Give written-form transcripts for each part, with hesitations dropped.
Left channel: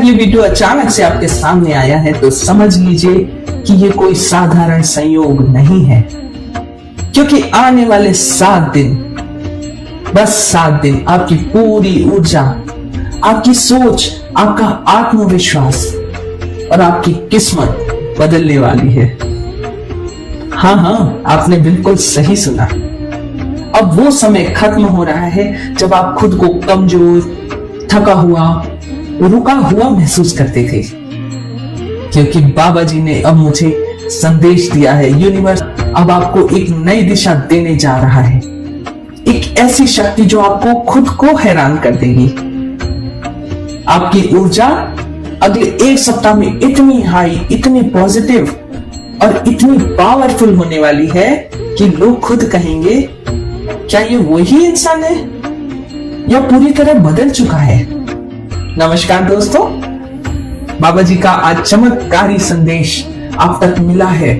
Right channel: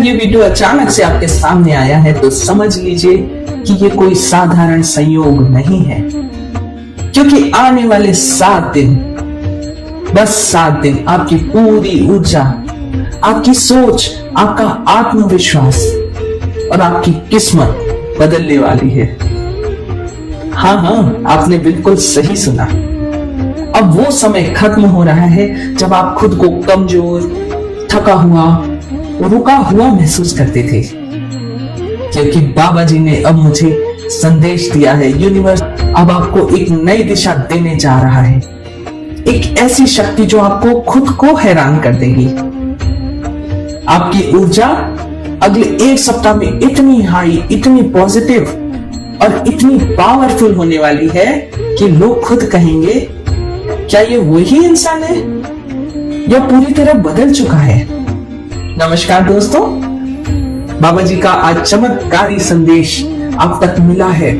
अगर ये वीडियो अचानक से आपके सामने आया है तो समझ लीजिए कि ये कोई साधारण संयोग नहीं है, क्योंकि आने वाले 7 दिन, बस 7 दिन आपकी पूरी ऊर्जा, आपकी सोच, आपका आत्मविश्वास और आपकी किस्मत बदलने वाली है। हाँ, आपने बिल्कुल सही सुना। अब वो समय खत्म हो रहा है जब आप खुद को कमजोर, थका हुआ, रुका हुआ महसूस करते थे, क्योंकि बाबा जी ने अब मुझे संदेश दिया है। यूनिवर्स अब आपको एक नई दिशा देने जा रहा है, एक ऐसी शक्ति जो आपको खुद को हैरान कर देगी। आपकी ऊर्जा अगले 1 सप्ताह में इतनी हाई, इतनी पॉजिटिव और इतनी पावरफुल होने वाली है कि लोग खुद कहेंगे, क्या ये वही इंसान है या पूरी तरह बदल चुका है। नमस्कार दोस्तों, बाबा जी का आज चमत्कारी संदेश आप तक मिला है।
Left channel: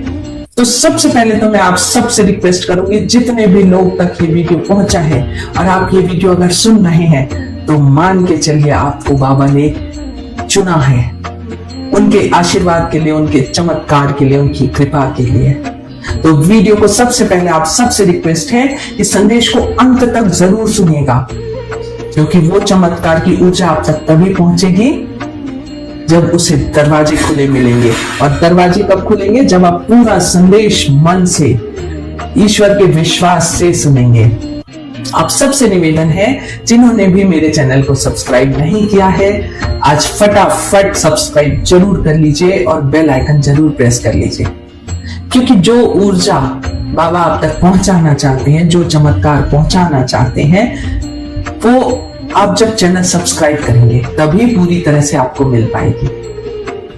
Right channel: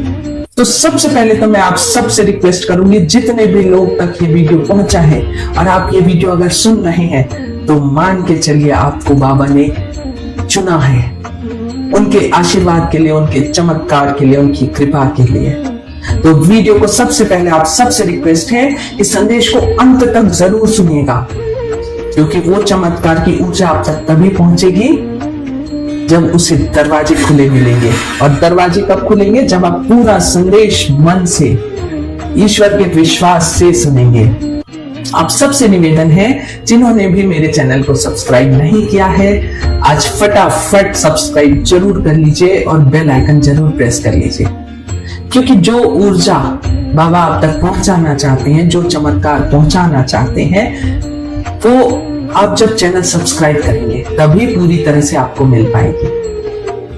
तो सबसे पहले तो मैं आप सबसे रिक्वेस्ट करूंगी, जितने भी लोग तक ये वीडियो पहुंचा है और आप ये वीडियो अगर सुन रहे हैं तो मान के चलिए आपको बाबा ने चुना है, उनके आशीर्वाद के लिए, उनके चमत्कार के लिए, उनकी कृपा के लिए। तो वीडियो को सबसे पहले आप सबसे रिक्वेस्ट है कि संदेश को अंत तक जरूर सुनिएगा, क्योंकि वो चमत्कार की ऊर्जा आप तक तभी पहुंचेगी जब उसे दरवाजे खुले मिलेंगे। और दरवाजे कब खुलेंगे? जब आप पूरा संदेश मन से, ईश्वर के विश्वास से सुनेंगे। आप सबसे निवेदन है, जिन्होंने भी मेरे चैनल को सब्सक्राइब नहीं किया है, आज फटाफट सब्सक्राइब जरूर कर लीजिए और बेल आइकन जरूर प्रेस कर लीजिए, क्योंकि जो ऊर्जा बाबा आप तक पहुंचाना चाहते हैं, जो चमत्कार पहुंचाना चाहते हैं, वो आप जब चैनल सब्सक्राइब करेंगे तभी पूरी तरह से आपको मिल पाएगी।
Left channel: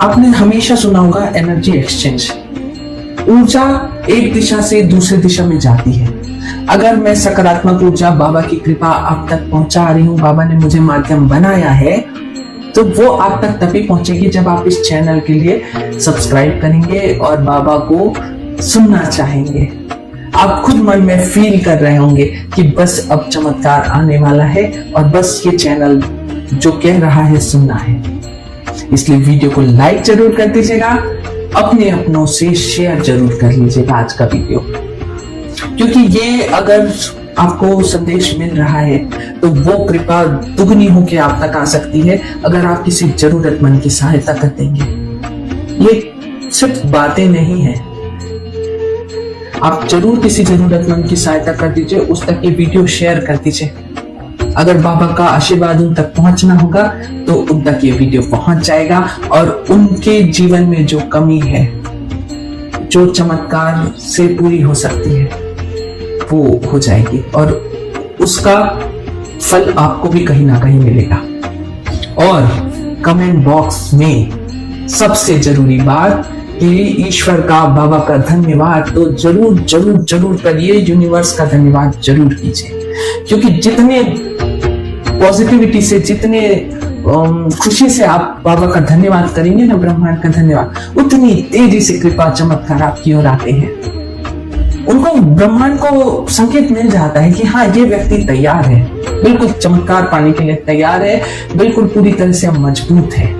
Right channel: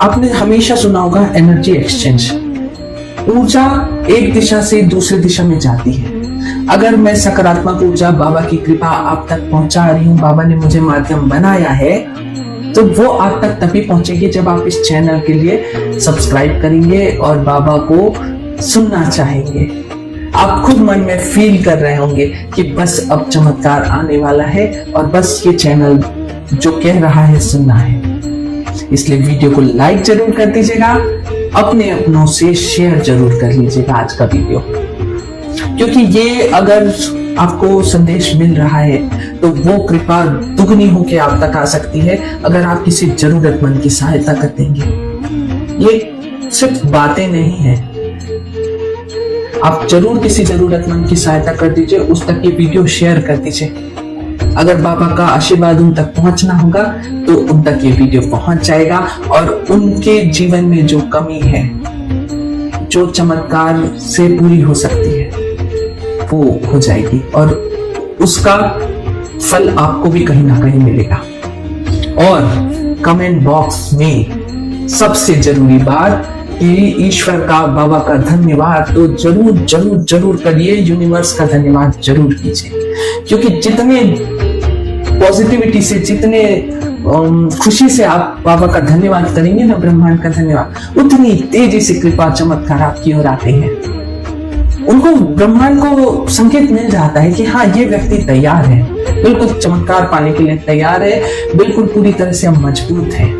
आपने हमेशा सुना होगा एनर्जी एक्सचेंज। ऊर्जा एक दिशा से दूसरी दिशा में जाती है। अगर मैं सकारात्मक ऊर्जा, बाबा की कृपा आप तक पहुंचा रही हूँ, बाबा ने मुझे माध्यम बनाया है, तो वो आप तक तभी पहुंचेगी जब आप इस चैनल के लिए सब्सक्राइब करेंगे और बाबा को सुनना चाहेंगे। आप खुद मन में फील कर रहे होंगे कि बस अब चमत्कार आने वाला है और बस ये चैनल जो कह रहा है सुनना है। इसलिए वीडियो को लाइक जरूर कर दीजिएगा, अपने अपनों से शेयर जरूर कर लीजिएगा आज का वीडियो, क्योंकि ये अगर आपको संदेश मिल रहा है तो वो कृपा दुगनी होकर आप तक आ सकती है अगर आप किसी जरूरतमंद की सहायता कर देंगे। ये सिर्फ बातें नहीं है, आप जरूर किसी जरूरतमंद की सहायता कर दीजिए, उस तक ये वीडियो शेयर कर दीजिए। अगर बाबा का आशीर्वाद उन तक पहुंचना होगा तो उन तक ये वीडियो पहुंच जाएगा और उनके जीवन में जो कमी है, जो चमत्कार से पूरी हो सकती है, वो हो जाएगी और उसका फल आपको भी कहीं ना कहीं मिलेगा। और कमेंट बॉक्स में सबसे जरूरी बात कि ईश्वर का, बाबा का धन्यवाद तो जरूर जरूर जरूर करिए, यूनिवर्स का धन्यवाद जरूर कीजिए, क्योंकि जितने पॉजिटिविटी से, जितने खुशी से आप बाबा का धन्यवाद करेंगे ना, ब्रह्मांड का धन्यवाद, उतनी तेजी से कृपा चमत्कार आपकी ओर आते हैं। उनको, ब्रह्मांड को संकेत मिल जाता है कि हाँ, ये व्यक्ति तैयार है, बिल्कुल चमत्कार पाने के लिए तैयार है, बिल्कुल पूरी तरह से अब मजबूत है,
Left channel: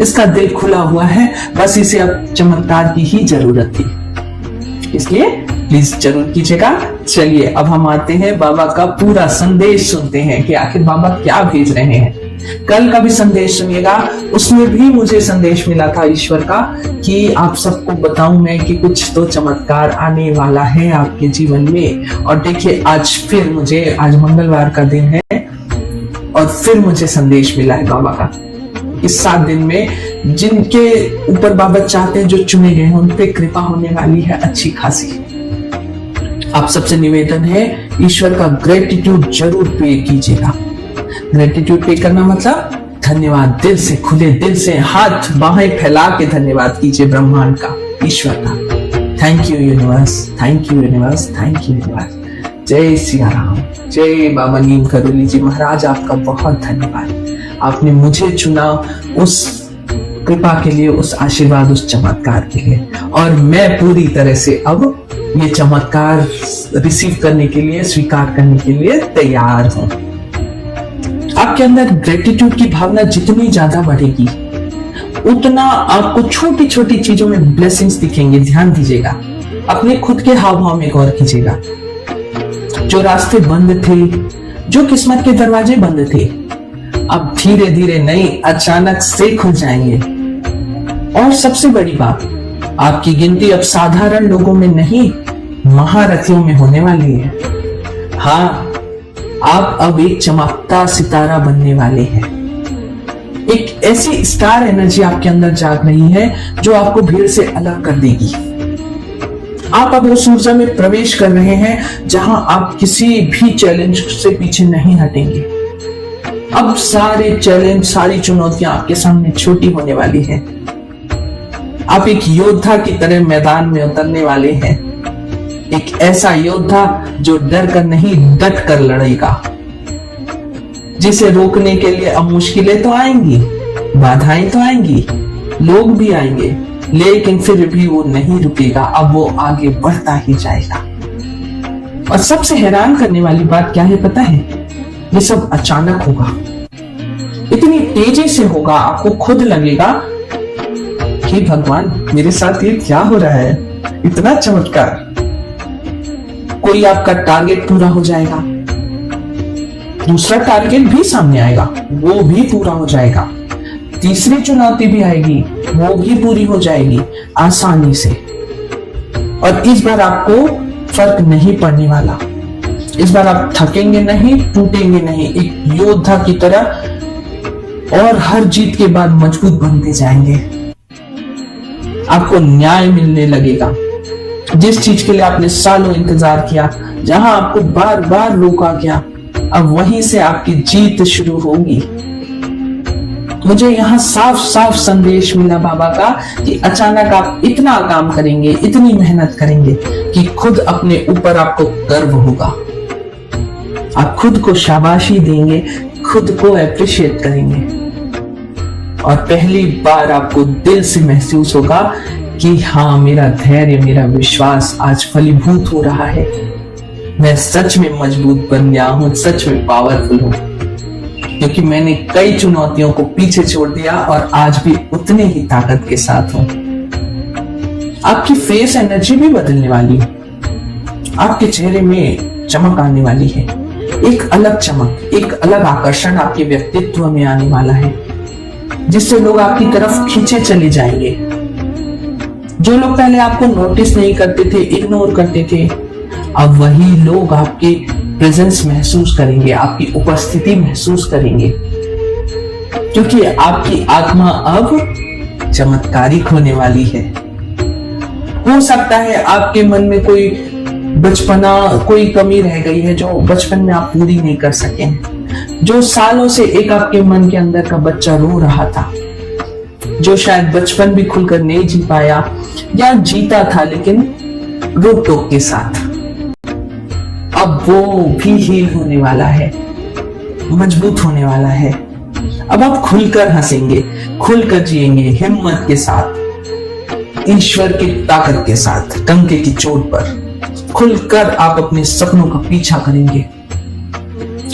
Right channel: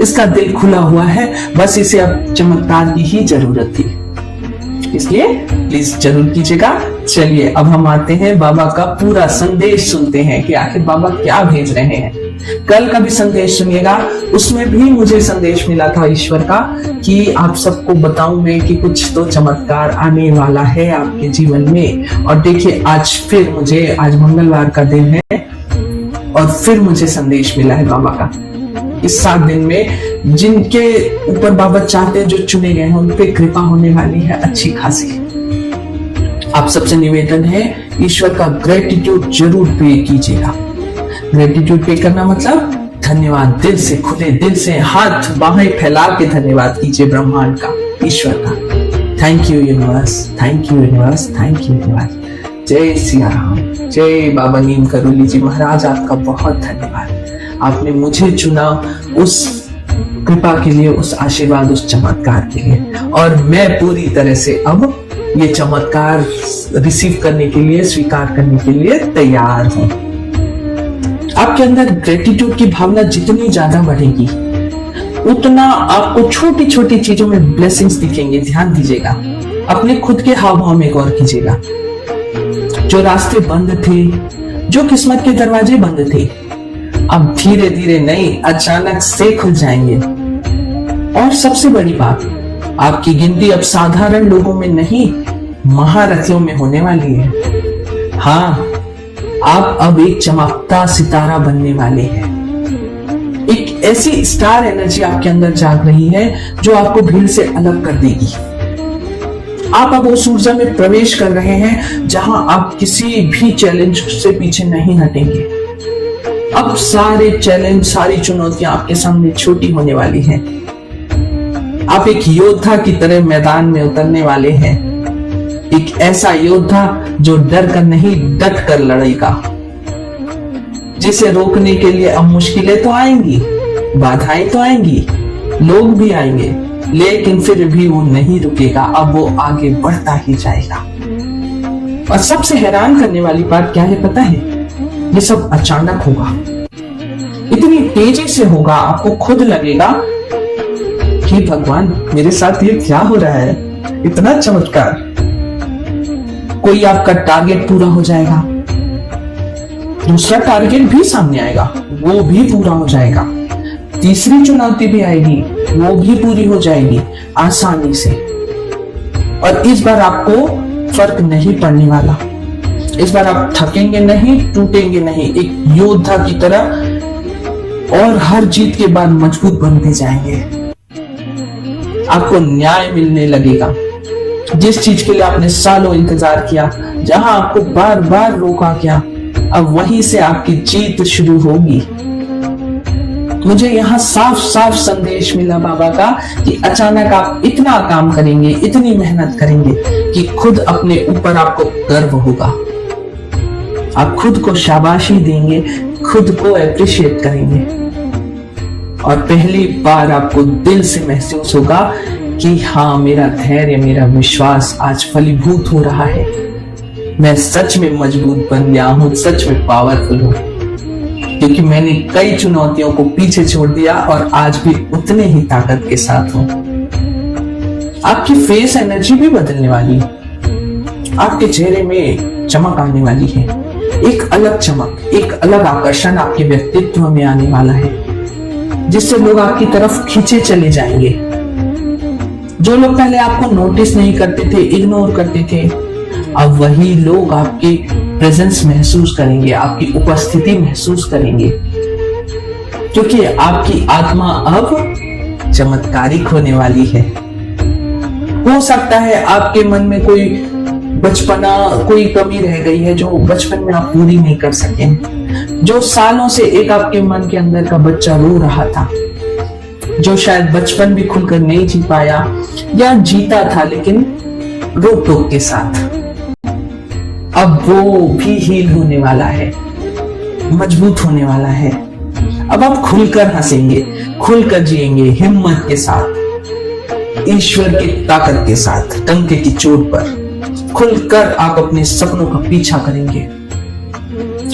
इसका दिल खुला हुआ है, बस इसे अब चमत्कार की ही जरूरत थी। इसलिए प्लीज जरूर कीजिएगा। चलिए अब हम आते हैं बाबा का पूरा संदेश सुनते हैं कि आखिर बाबा क्या भेज रहे हैं। कल का भी संदेश सुनिएगा, उसमें भी मुझे संदेश मिला था ईश्वर का कि आप सबको बताऊं मैं कि कुछ तो चमत्कार आने वाला है आपके जीवन में। और देखिए आज फिर मुझे, आज मंगलवार का दिन है और फिर मुझे संदेश मिला है बाबा का। इस 7 दिन में जिनके ऊपर बाबा चाहते हैं, जो चुने गए हैं, उन पे कृपा होने वाली है अच्छी खासी। आप सबसे निवेदन है, ईश्वर का ग्रेटिट्यूड जरूर पे कीजिएगा। ग्रेटिट्यूड पे करना मतलब धन्यवाद, दिल से, खुले दिल से हाथ बाहें फैला के धन्यवाद कीजिए ब्रह्मांड का, ईश्वर का। Thank you universe, thank you universe, thank you universe. जय सिया राम, जय बाबा नीम करोली जी महाराज, आपका बहुत धन्यवाद। आपने मुझे चुना उस कृपा के लिए, उस आशीर्वाद, उस चमत्कार के लिए, और मैं पूरी तरह से अब ये चमत्कार रिसीव करने के लिए, स्वीकार करने के लिए तैयार हूं। आपके अंदर ग्रेटिट्यूड की भावना जितनी ज्यादा बढ़ेगी, उतना आपको छोटी छोटी चीजों में ब्लेसिंग्स दिखेंगे। ध्यान दीजिएगा, अपने खुद के हाव भाव में गौर कीजिएगा। जो रास्ते बंद थे, जो किस्मत के दरवाजे बंद थे, अब धीरे धीरे नहीं, अचानक से खुल जाएंगे। और सबसे बड़ी बात, आपकी गिनती अब साधारण लोगों में नहीं, महारथियों में होने वाली है। हाँ, आप अब एक चमकता सितारा बनने वाले हैं। एक ऐसी स्टार एनर्जी आपके अंदर जाग रही है जो आपको भीड़ से अलग कर देगी। आप अब उस ऊर्जा में प्रवेश कर रहे हैं जहां आप किसी भी चैलेंज से पीछे नहीं हटेंगे। अब सारे चैलेंज, सारी चुनौतियां आपके सामने छोटी होने वाली हैं। आप एक योद्धा की तरह मैदान में उतरने वाले हैं। एक ऐसा योद्धा जो डर कर नहीं, डट कर लड़ेगा। जिसे रोकने के लिए अब मुश्किलें तो आएंगी, बाधाएं तो आएंगी, लोग भी आएंगे, लेकिन फिर भी वो नहीं रुकेगा। अब वो आगे बढ़ता ही जाएगा। और सबसे हैरान करने वाली बात क्या है पता है? ये सब अचानक होगा, इतनी तेजी से होगा, आपको खुद लगेगा कि भगवान मेरे साथ ये क्या हो रहा है, इतना चमत्कार। कोई आपका टारगेट पूरा हो जाएगा, दूसरा टारगेट भी सामने आएगा, वो भी पूरा हो जाएगा, तीसरी चुनौती भी आएगी, वो भी पूरी हो जाएगी आसानी से। और इस बार आपको फर्क नहीं पड़ने वाला। इस बार आप थकेंगे नहीं, टूटेंगे नहीं, एक योद्धा की तरह, और हर जीत के बाद मजबूत बनते जाएंगे। आपको न्याय मिलने लगेगा। जिस चीज के लिए आपने सालों इंतजार किया, जहां आपको बार बार रोका गया, अब वहीं से आपकी जीत शुरू होगी। मुझे यहाँ साफ साफ संदेश मिला बाबा का कि अचानक आप इतना काम करेंगे, इतनी मेहनत करेंगे कि खुद अपने ऊपर आपको गर्व होगा। आप खुद को शाबाशी देंगे, खुद को अप्रिशिएट करेंगे, और पहली बार आपको दिल से महसूस होगा कि हाँ, मेरा धैर्य, मेरा विश्वास आज फलीभूत हो रहा है। मैं सच में मजबूत बन गया हूं, सच में पावरफुल हूं, क्योंकि मैंने कई चुनौतियों को पीछे छोड़ दिया और आज भी उतने ही ताकत के साथ हूं। आपकी फेस एनर्जी भी बदलने वाली है। आपके चेहरे में चमक आने वाली है, एक अलग चमक, एक अलग आकर्षण आपके व्यक्तित्व में आने वाला है, जिससे लोग आपकी तरफ खींचे चले जाएंगे। जो लोग पहले आपको नोटिस नहीं करते थे, इग्नोर करते थे, अब वही लोग आपके प्रेजेंस महसूस करेंगे, आपकी उपस्थिति महसूस करेंगे, क्योंकि आपकी आत्मा अब चमत्कारिक होने वाली है। हो सकता है आपके मन में कोई बचपना, कोई कमी रह गई है जो बचपन में आप पूरी नहीं कर सके, जो सालों से एक आपके मन के अंदर का बच्चा रो रहा था, जो शायद बचपन भी खुलकर नहीं जी पाया या जीता था लेकिन रोक टोक के साथ। अब वो भी हील होने वाला है, मजबूत होने वाला है। अब आप खुलकर हंसेंगे, खुलकर जिएंगे, हिम्मत के साथ, ईश्वर की ताकत के साथ, डंके की चोट पर खुलकर आप अपने सपनों का पीछा करेंगे।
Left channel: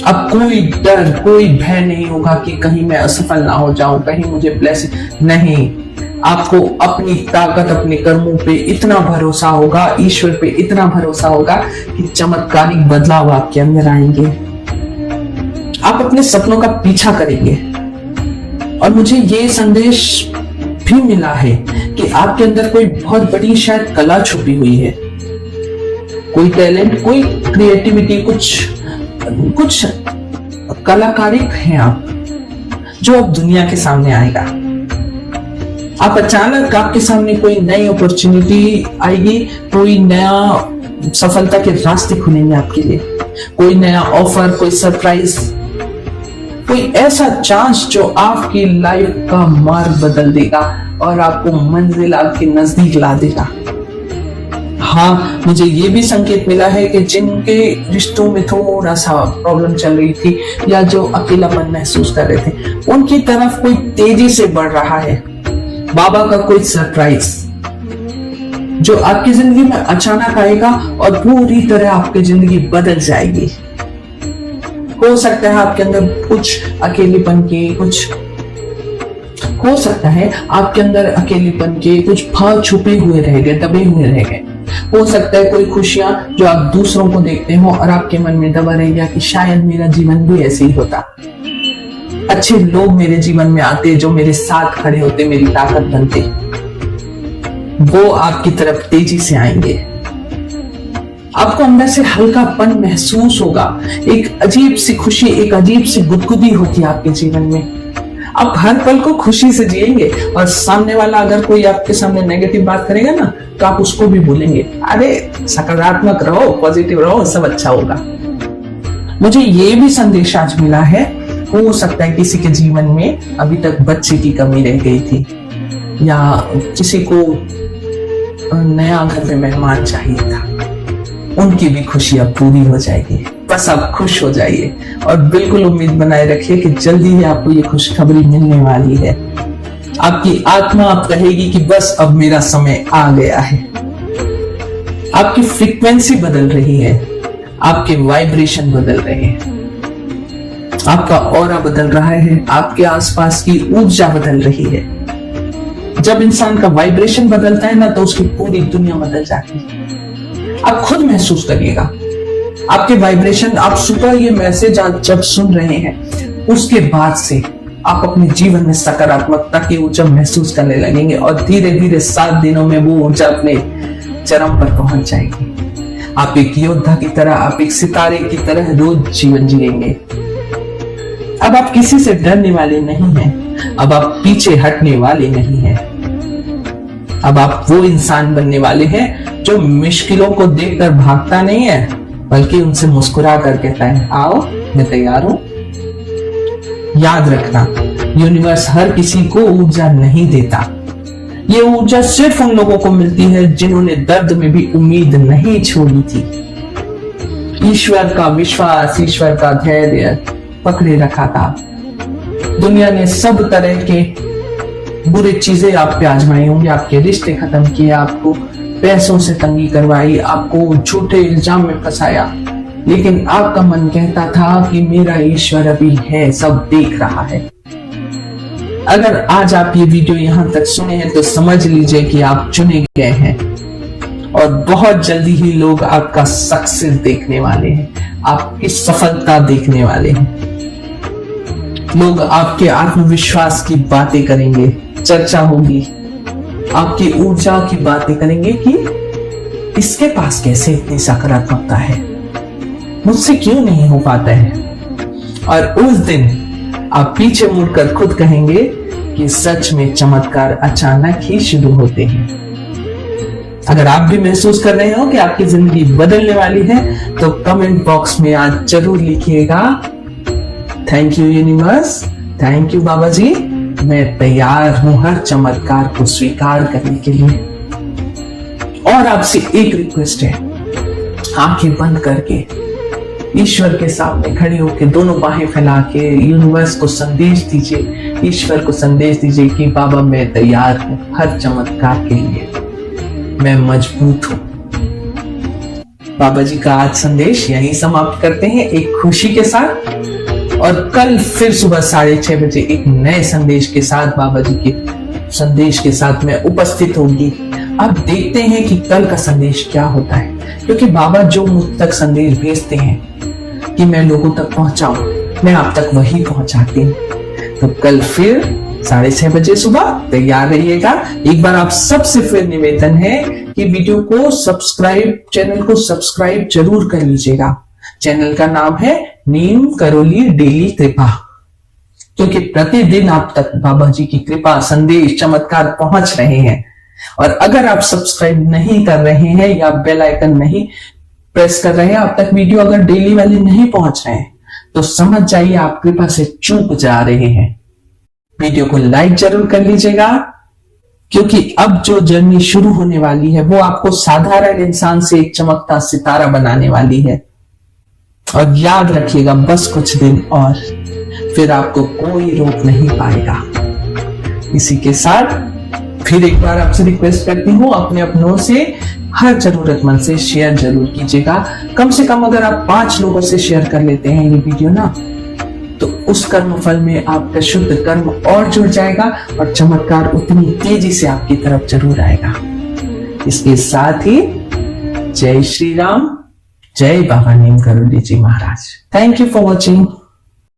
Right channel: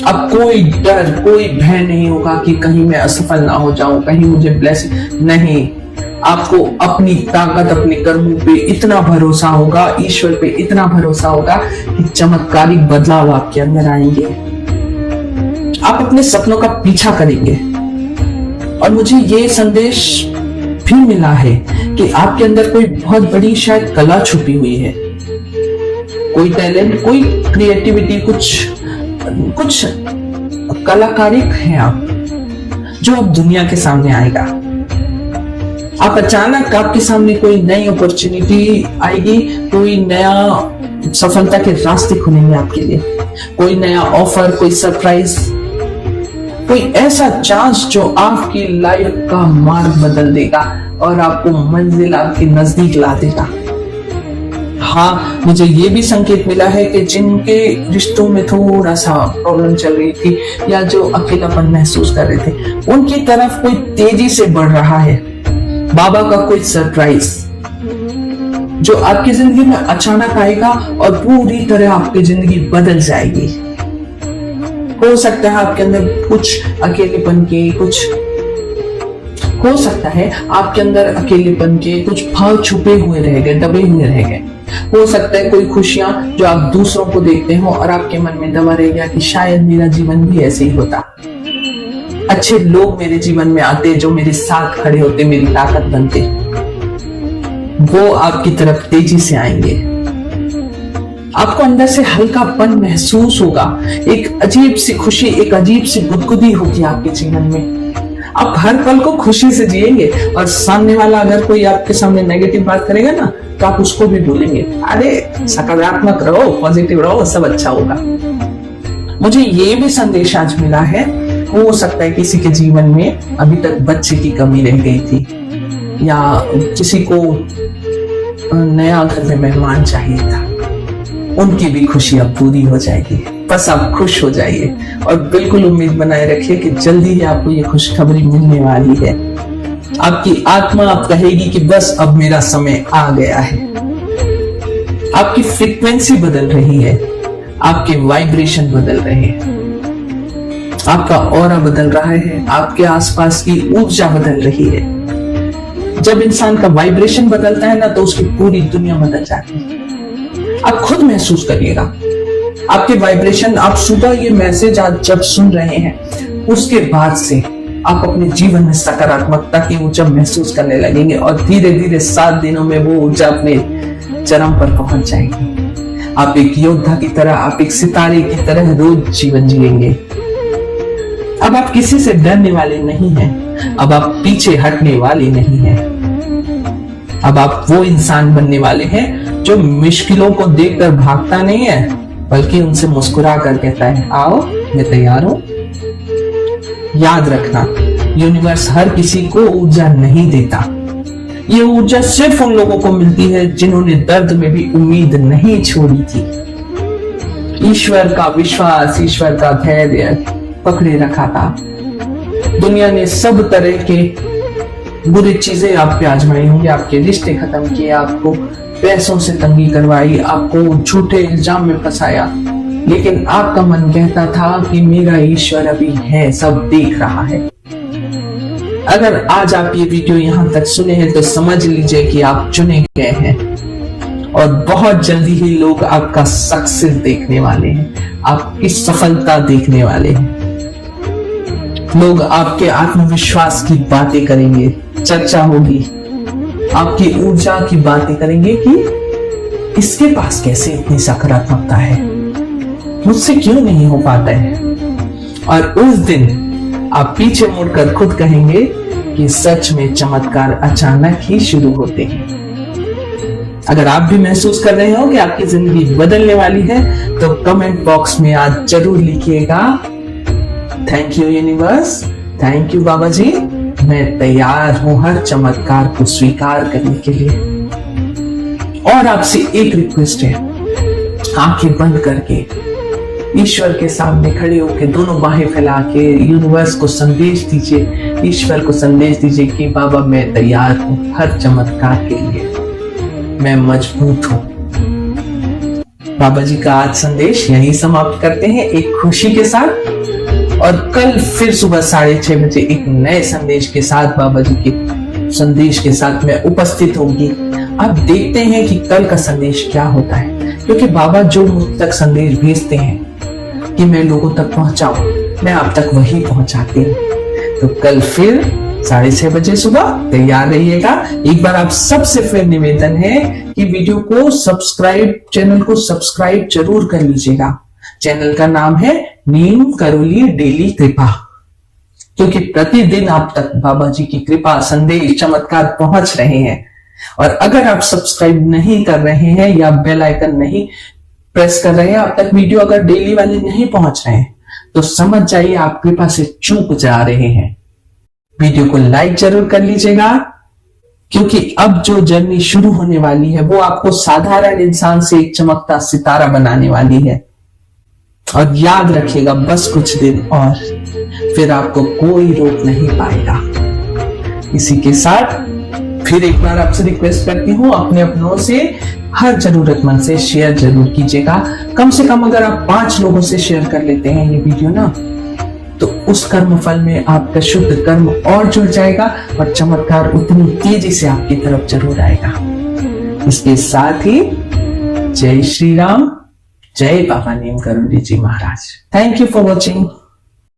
अब कोई डर, कोई भय नहीं होगा कि कहीं मैं असफल ना हो जाऊं, कहीं मुझे ब्लेसिंग नहीं। आपको अपनी ताकत, अपने कर्मों पे इतना भरोसा होगा, ईश्वर पे इतना भरोसा होगा कि चमत्कारिक बदलाव आपके अंदर आएंगे। आप अपने सपनों का पीछा करेंगे। और मुझे ये संदेश भी मिला है कि आपके अंदर कोई बहुत बड़ी शायद कला छुपी हुई है, कोई टैलेंट, कोई क्रिएटिविटी, कुछ कलाकारिक है आप, जो अब दुनिया के सामने आएगा। आप अचानक आपके सामने कोई नई अपॉर्चुनिटी आएगी, कोई नया सफलता के रास्ते खुलेंगे आपके लिए, कोई नया ऑफर, कोई सरप्राइज, कोई ऐसा चांस जो आपकी लाइफ का मार्ग बदल देगा और आपको मंजिल आपके नजदीक ला देगा। हाँ, मुझे ये भी संकेत मिला है कि जिनके रिश्तों में थोड़ा सा प्रॉब्लम चल रही थी या जो अकेलापन महसूस कर रहे थे, उनकी तरफ कोई तेजी से बढ़ रहा है। बाबा का कोई सरप्राइज जो आपकी जिंदगी में अचानक आएगा और पूरी तरह आपकी जिंदगी बदल जाएगी। हो सकता है आपके अंदर कुछ अकेलेपन की, हो सकता है आपके अंदर अकेलेपन के कुछ भाव छुपे हुए रह गए, दबे हुए रह गए। हो सकता है कोई खुशियां जो आप दूसरों को देखते हो और आपके मन में दबा रह गया कि शायद मेरा जीवन भी ऐसे ही होता, अच्छे लोग मेरे जीवन में आते जो मेरे साथ खड़े होते, मेरी ताकत बनते, वो आपकी तरफ तेजी से आएंगे। आपको अंदर से हल्कापन महसूस होगा, एक अजीब सी खुशी, एक अजीब सी गुदगुदी होगी आपके जीवन में। आप हर पल को खुशी से जिएंगे और सामने वाला अगर कोई आपके सामने नेगेटिव बात करेगा ना तो आप उसको भी भूलेंगे। अरे सकारात्मक रहो, पॉजिटिव रहो, सब अच्छा होगा। मुझे ये भी संदेश आज मिला है, हो सकता है किसी के जीवन में अभी तक बच्चे की कमी रह गई थी, या किसी को नया घर में मेहमान चाहिए था, उनकी भी खुशी अब पूरी हो जाएगी। बस आप खुश हो जाइए और बिल्कुल उम्मीद बनाए रखिए कि जल्दी ही आपको ये खुशखबरी मिलने वाली है। आपकी आत्मा आप कहेगी कि बस अब मेरा समय आ गया है। आपकी फ्रीक्वेंसी बदल रही है, आपके वाइब्रेशन बदल रहे हैं, आपका ऑरा बदल रहा है, आपके आसपास की ऊर्जा बदल रही है। जब इंसान का वाइब्रेशन बदलता है ना तो उसकी पूरी दुनिया बदल जाती है। आप खुद महसूस करिएगा, आपके वाइब्रेशन, आप सुबह ये मैसेज आज जब सुन रहे हैं उसके बाद से आप अपने जीवन में सकारात्मकता की ऊर्जा महसूस करने लगेंगे और धीरे धीरे 7 दिनों में वो ऊर्जा अपने चरम पर पहुंच जाएगी। आप एक योद्धा की तरह, आप एक सितारे की तरह रोज जीवन जिएंगे। अब आप किसी से डरने वाले नहीं हैं, अब आप पीछे हटने वाले नहीं हैं। अब आप वो इंसान बनने वाले हैं जो मुश्किलों को देखकर भागता नहीं है, बल्कि उनसे मुस्कुरा कर कहता है आओ मैं तैयार हूं। याद रखना, यूनिवर्स हर किसी को ऊर्जा नहीं देता, ये ऊर्जा सिर्फ उन लोगों को मिलती है जिन्होंने दर्द में भी उम्मीद नहीं छोड़ी थी, ईश्वर का विश्वास, ईश्वर का धैर्य पकड़े रखा था। दुनिया ने सब तरह के बुरी चीजें आप पे आजमाई होंगी, आपके रिश्ते खत्म किए, आपको पैसों से तंगी करवाई, आपको झूठे इल्जाम में फंसाया, लेकिन आपका मन कहता था कि मेरा ईश्वर अभी है, सब देख रहा है। अगर आज आप ये वीडियो यहां तक सुने हैं तो समझ लीजिए कि आप चुने गए हैं और बहुत जल्दी ही लोग आपका सक्सेस देखने वाले हैं, आपकी सफलता देखने वाले हैं। लोग आपके आत्मविश्वास की बातें करेंगे, चर्चा होगी, आपकी ऊर्जा की बातें करेंगे कि इसके पास कैसे इतनी सकारात्मकता है, मुझसे क्यों नहीं हो पाता है। और उस दिन आप पीछे मुड़कर खुद कहेंगे कि सच में चमत्कार अचानक ही शुरू होते हैं। अगर आप भी महसूस कर रहे हो कि आपकी जिंदगी बदलने वाली है तो कमेंट बॉक्स में आज जरूर लिखिएगा, thank you universe, thank you Baba ji, मैं तैयार हूं हर चमत्कार को स्वीकार करने के लिए। और आपसे एक रिक्वेस्ट है, आंखें बंद करके ईश्वर के सामने खड़े होकर दोनों बाहें फैला के यूनिवर्स को संदेश दीजिए, ईश्वर को संदेश दीजिए कि बाबा मैं तैयार हूं हर चमत्कार के लिए, मैं मजबूत हूं। बाबा जी का आज संदेश यहीं समाप्त करते हैं एक खुशी के साथ, और कल फिर सुबह 6:30 बजे एक नए संदेश के साथ, बाबा जी के संदेश के साथ मैं उपस्थित होंगी। अब देखते हैं कि कल का संदेश क्या होता है, क्योंकि बाबा जो मुझ तक संदेश भेजते हैं कि मैं लोगों तक पहुंचाऊं, मैं आप तक वही पहुंचाती हूँ। तो कल फिर 6:30 बजे सुबह तैयार रहिएगा। एक बार आप सबसे फिर निवेदन है कि वीडियो को सब्सक्राइब, चैनल को सब्सक्राइब जरूर कर लीजिएगा। चैनल का नाम है नीम करोली डेली कृपा, क्योंकि प्रतिदिन आप तक बाबा जी की कृपा, संदेश, चमत्कार पहुंच रहे हैं। और अगर आप सब्सक्राइब नहीं कर रहे हैं या बेल आइकन नहीं प्रेस कर रहे हैं, आप तक वीडियो अगर डेली वाले नहीं पहुंच रहे हैं तो समझ जाइए आप कृपा से चूक जा रहे हैं। वीडियो को लाइक जरूर कर लीजिएगा, क्योंकि अब जो जर्नी शुरू होने वाली है वो आपको साधारण इंसान से एक चमकता सितारा बनाने वाली है। और याद रखिएगा, बस कुछ दिन और, फिर आपको कोई रोक नहीं पाएगा। इसी के साथ फिर एक बार आपसे रिक्वेस्ट करती हूँ, अपने अपनों से हर जरूरतमंद से शेयर जरूर कीजिएगा। कम से कम अगर आप 5 लोगों से शेयर कर लेते हैं ये वीडियो ना, तो उस कर्म फल में आपका शुद्ध कर्म और जुड़ जाएगा और चमत्कार उतनी तेजी से आपकी तरफ जरूर आएगा। इसके साथ ही जय श्री राम, जय Baba Neem Karoli ji Maharaj. Thank you for watching.